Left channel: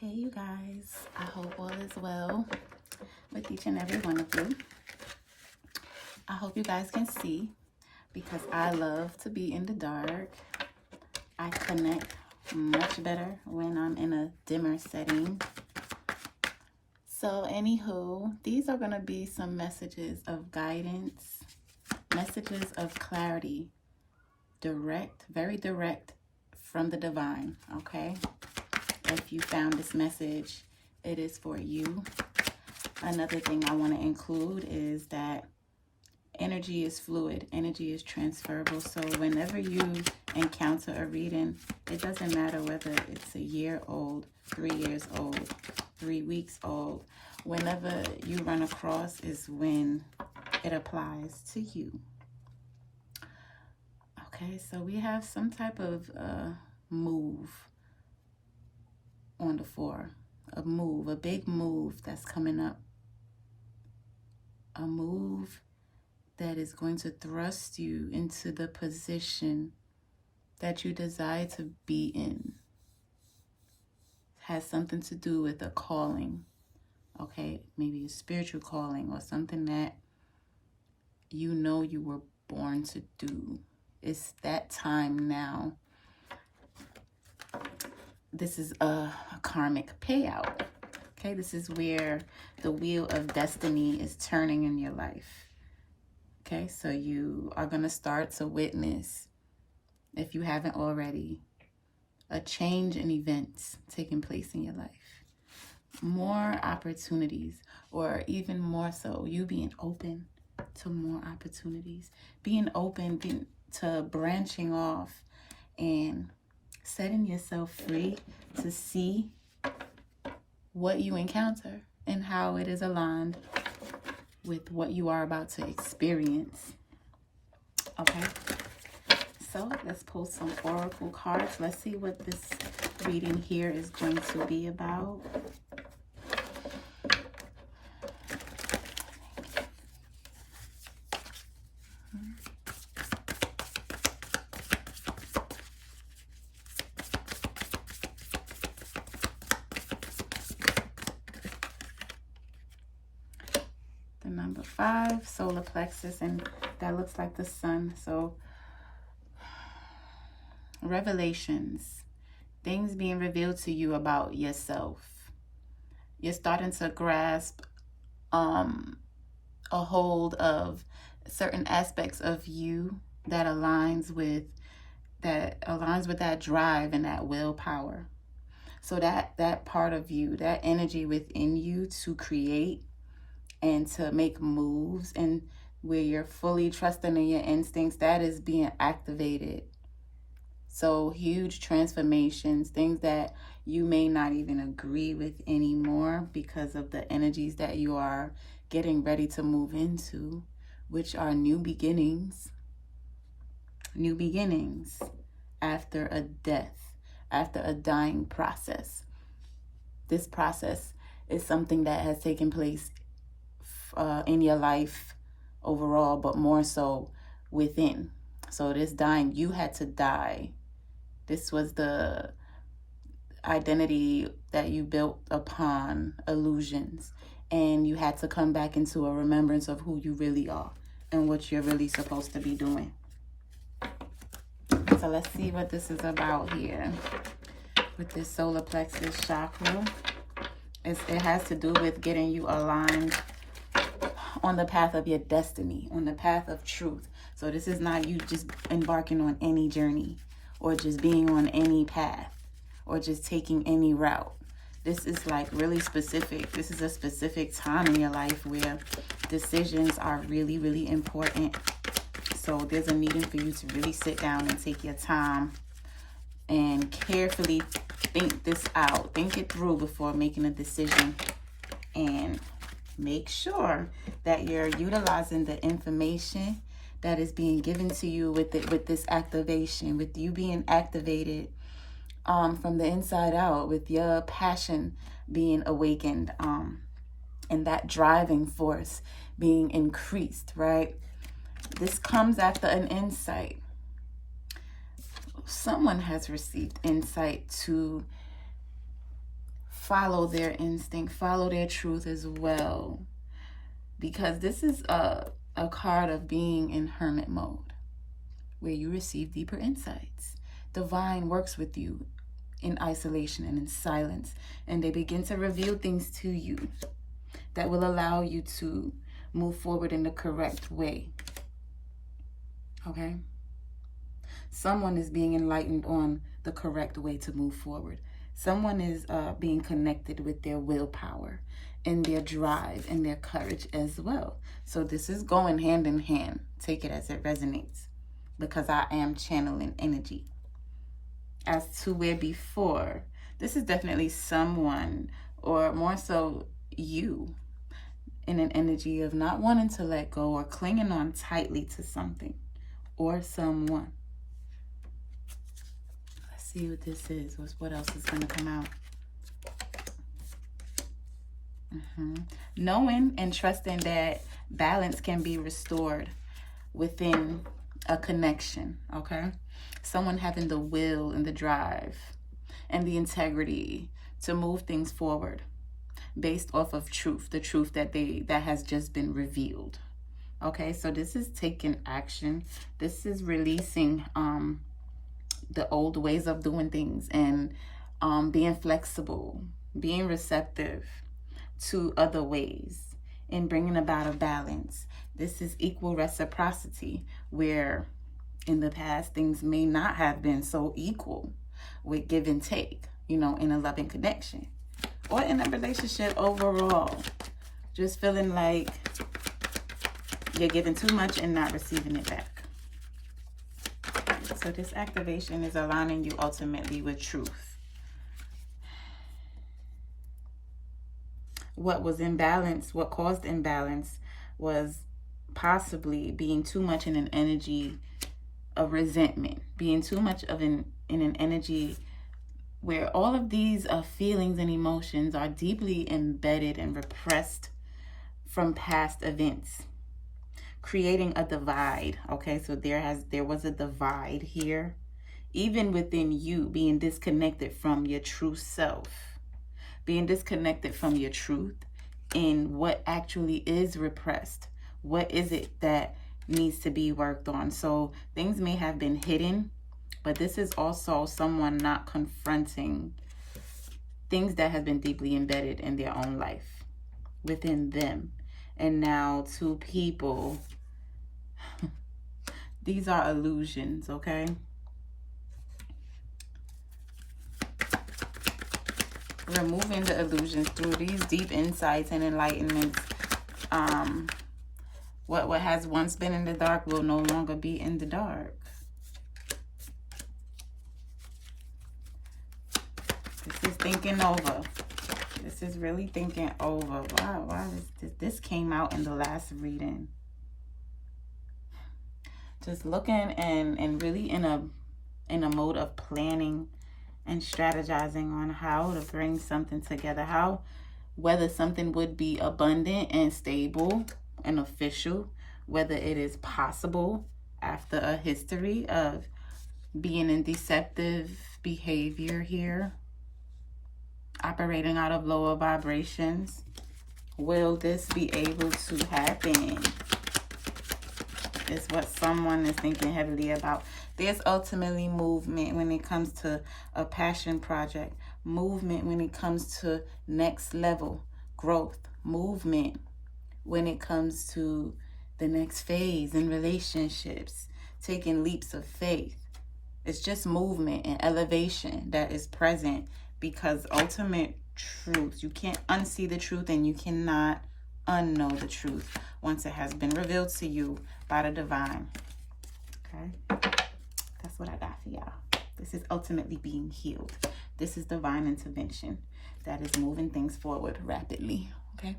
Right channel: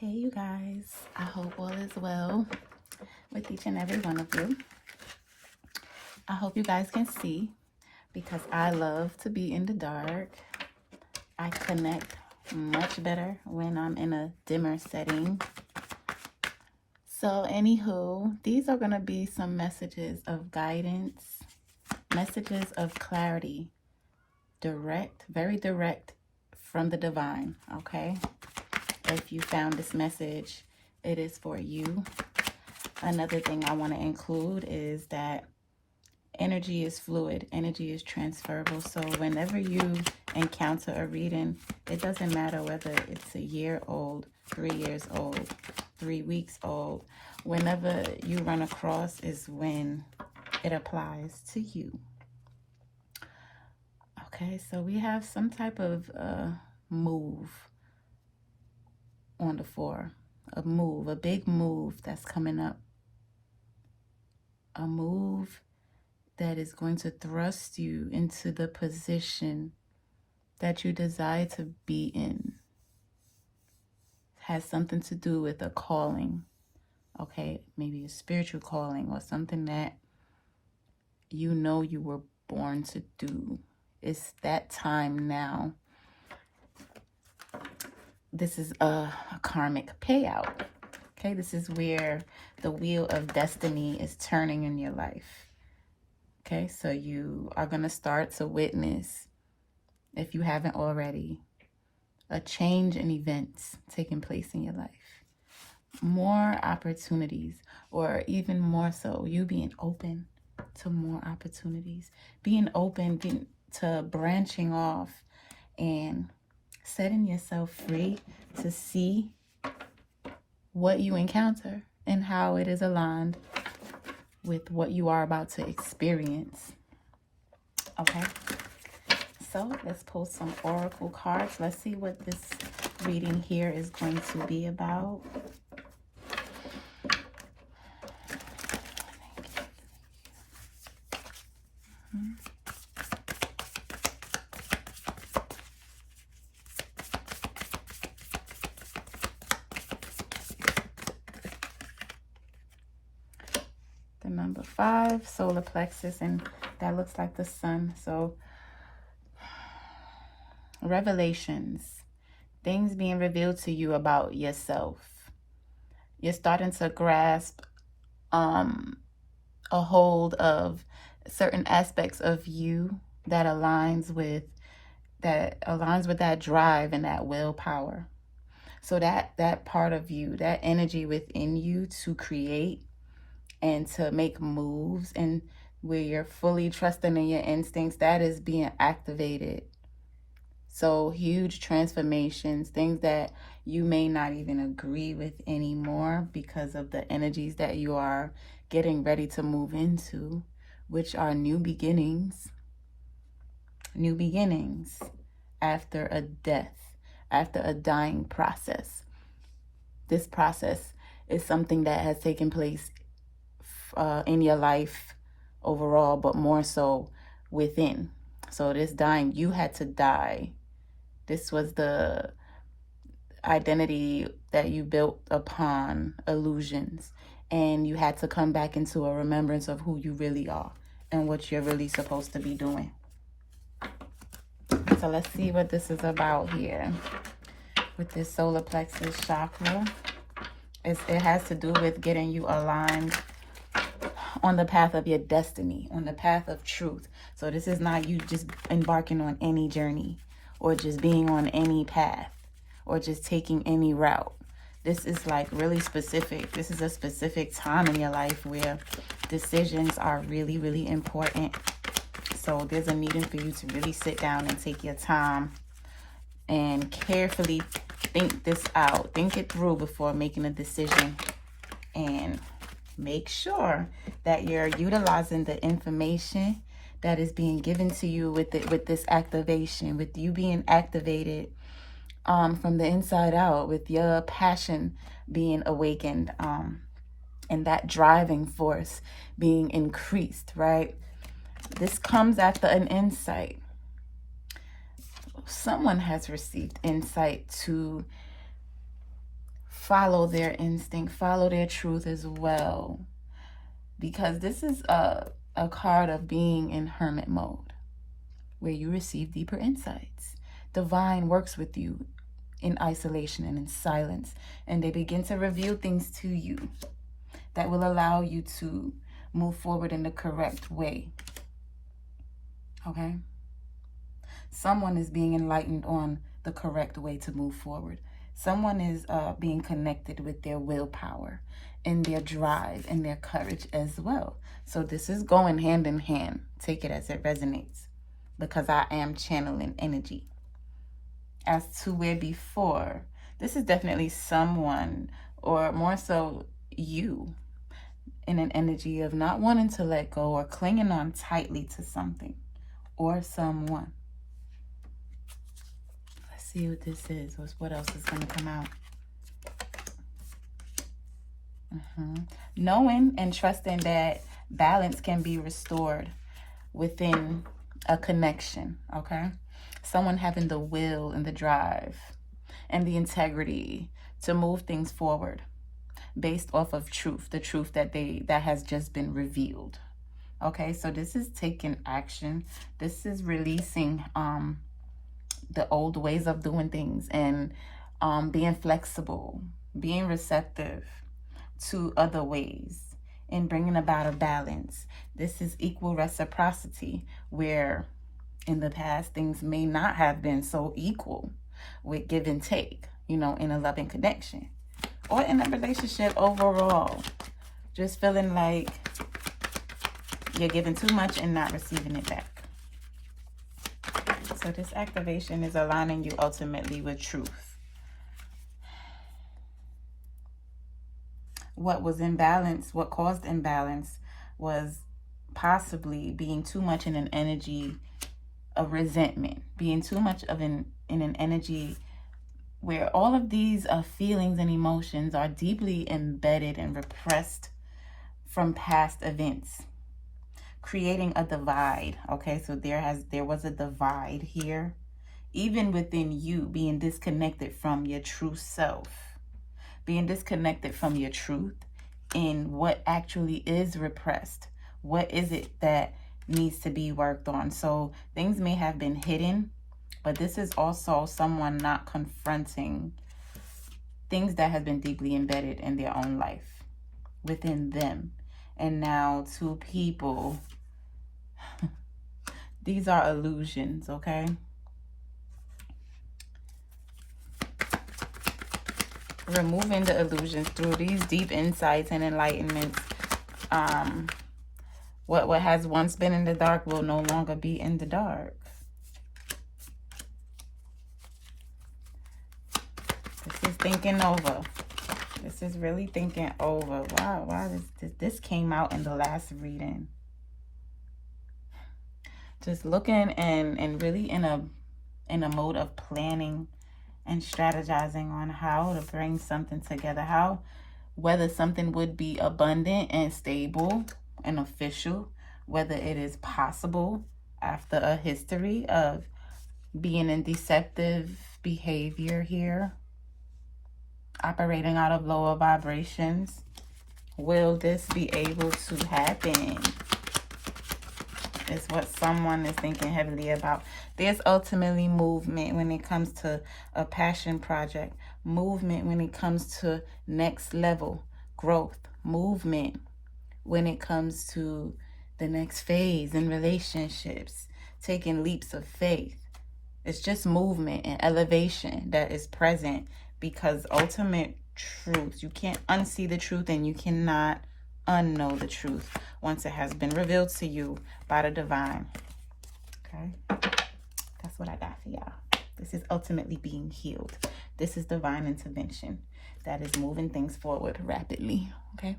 Hey you guys, I hope all is well with each and every one of you. I hope you guys can see because I love to be in the dark. I connect much better when I'm in a dimmer setting. So anywho, these are going to be some messages of guidance, messages of clarity, direct, very direct from the divine, okay? If you found this message, it is for you. Another thing I want to include is that energy is fluid, energy is transferable. So whenever you encounter a reading, it doesn't matter whether it's a year old, 3 years old, 3 weeks old. Whenever you run across is when it applies to you. Okay, so we have some type of move on the 4. A move, a big move that's coming up. A move that is going to thrust you into the position that you desire to be in. Has something to do with a calling, okay? Maybe a spiritual calling or something that you know you were born to do. It's that time now. This is a karmic payout, okay? This is where the wheel of destiny is turning in your life. Okay, so you are going to start to witness, if you haven't already, a change in events taking place in your life. More opportunities, or even more so, you being open to more opportunities. Being open to branching off and setting yourself free to see what you encounter and how it is aligned with what you are about to experience. Okay, so let's pull some oracle cards. Let's see what this reading here is going to be about. The number 5, solar plexus, and that looks like the sun. So revelations, things being revealed to you about yourself. You're starting to grasp a hold of certain aspects of you that aligns with that drive and that willpower. So that part of you, that energy within you to create and to make moves, and where you're fully trusting in your instincts, that is being activated. So huge transformations, things that you may not even agree with anymore because of the energies that you are getting ready to move into, which are new beginnings. New beginnings after a death, after a dying process. This process is something that has taken place in your life overall, but more so within. So this dying, you had to die. This was the identity that you built upon illusions, and you had to come back into a remembrance of who you really are and what you're really supposed to be doing. So let's see what this is about here with this solar plexus chakra. It has to do with getting you aligned on the path of your destiny, on the path of truth. So this is not you just embarking on any journey or just being on any path or just taking any route. This is like really specific. This is a specific time in your life where decisions are really, really important. So there's a needing for you to really sit down and take your time and carefully think this out. Think it through before making a decision, and make sure that you're utilizing the information that is being given to you with this activation, with you being activated from the inside out, with your passion being awakened, and that driving force being increased, right? This comes after an insight. Someone has received insight to follow their instinct, follow their truth as well. Because this is a card of being in hermit mode, where you receive deeper insights. Divine works with you in isolation and in silence, and they begin to reveal things to you that will allow you to move forward in the correct way. Okay? Someone is being enlightened on the correct way to move forward. Someone is being connected with their willpower and their drive and their courage as well. So this is going hand in hand. Take it as it resonates, because I am channeling energy. As to where before, this is definitely someone, or more so you, in an energy of not wanting to let go or clinging on tightly to something or someone. Let's see what this is. What else is going to come out? Knowing and trusting that balance can be restored within a connection, okay? Someone having the will and the drive and the integrity to move things forward based off of truth, the truth that has just been revealed. Okay, so this is taking action. This is releasing the old ways of doing things and being flexible, being receptive to other ways and bringing about a balance. This is equal reciprocity, where in the past things may not have been so equal with give and take, you know, in a loving connection or in a relationship overall. Just feeling like you're giving too much and not receiving it back. So this activation is aligning you ultimately with truth. What was imbalance, what caused imbalance, was possibly being too much in an energy of resentment, being too much of in an energy where all of these feelings and emotions are deeply embedded and repressed from past events, creating a divide. Okay, so there was a divide here, even within you, being disconnected from your true self, being disconnected from your truth in what actually is repressed. What is it that needs to be worked on? So things may have been hidden, but this is also someone not confronting things that have been deeply embedded in their own life, within them. And now to people, these are illusions, okay? Removing the illusions through these deep insights and enlightenments. What has once been in the dark will no longer be in the dark. This is thinking over. This is really thinking over. Wow, this came out in the last reading. Just looking and really in a mode of planning and strategizing on how to bring something together, whether something would be abundant and stable and official, whether it is possible after a history of being in deceptive behavior here, operating out of lower vibrations. Will this be able to happen? Is what someone is thinking heavily about. There's ultimately movement when it comes to a passion project, movement when it comes to next level growth, movement when it comes to the next phase in relationships, taking leaps of faith. It's just movement and elevation that is present, because ultimate truth, you can't unsee the truth and you cannot unknow the truth once it has been revealed to you by the divine. Okay, that's what I got for y'all. This is ultimately being healed. This is divine intervention that is moving things forward rapidly. Okay.